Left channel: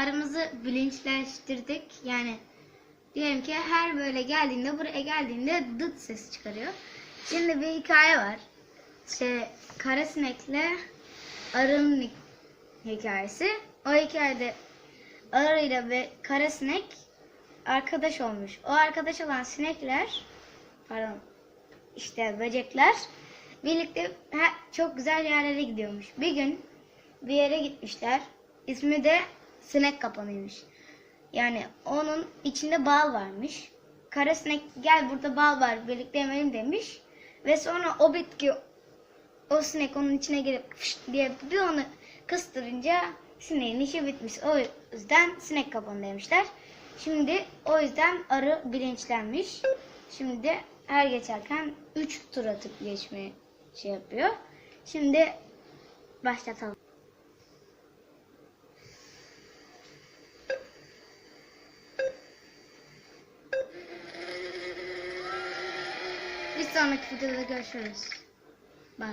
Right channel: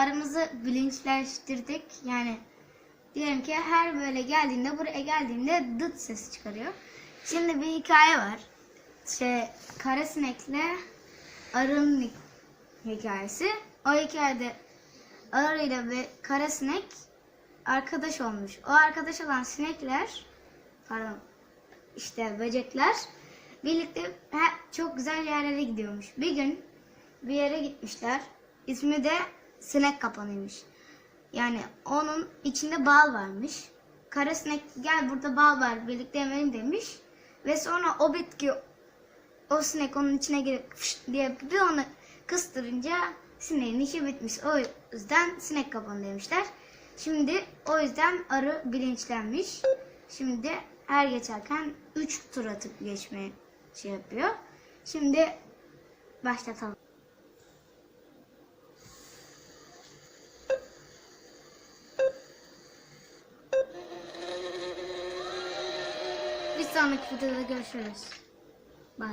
aramızı bilinçleştirdik. Yani diyelim ki her böyle geldiğinde buraya geldiğinde dıt ses çıkarıyor. Şimdi bir hikaye var. Şey kara sinekle arının hi- hikayesi. O hikayede arıyla ve kara sinek arkadaş olmuş. O arkadaş olan sinekler pardon işte böcekler birlikte he- çok güzel yerlere gidiyormuş. Bir gün bir yere gitmişler. İsmi de sinek kapanıymış. Yani onun içinde bal varmış. Kara sinek gel burada bal var birlikte yemeğim demiş. Ve sonra o bitki o sinek onun içine girip fış diye bir onu kıstırınca sineğin işi bitmiş. O yüzden sinek kapanı demişler. Şimdi o yüzden arı bilinçlenmiş. Şimdi her geçerken 3 tur atıp geçmeye şey yapıyor. Şimdi başlatalım. Bir sonraki videoda görüşürüz. Bye.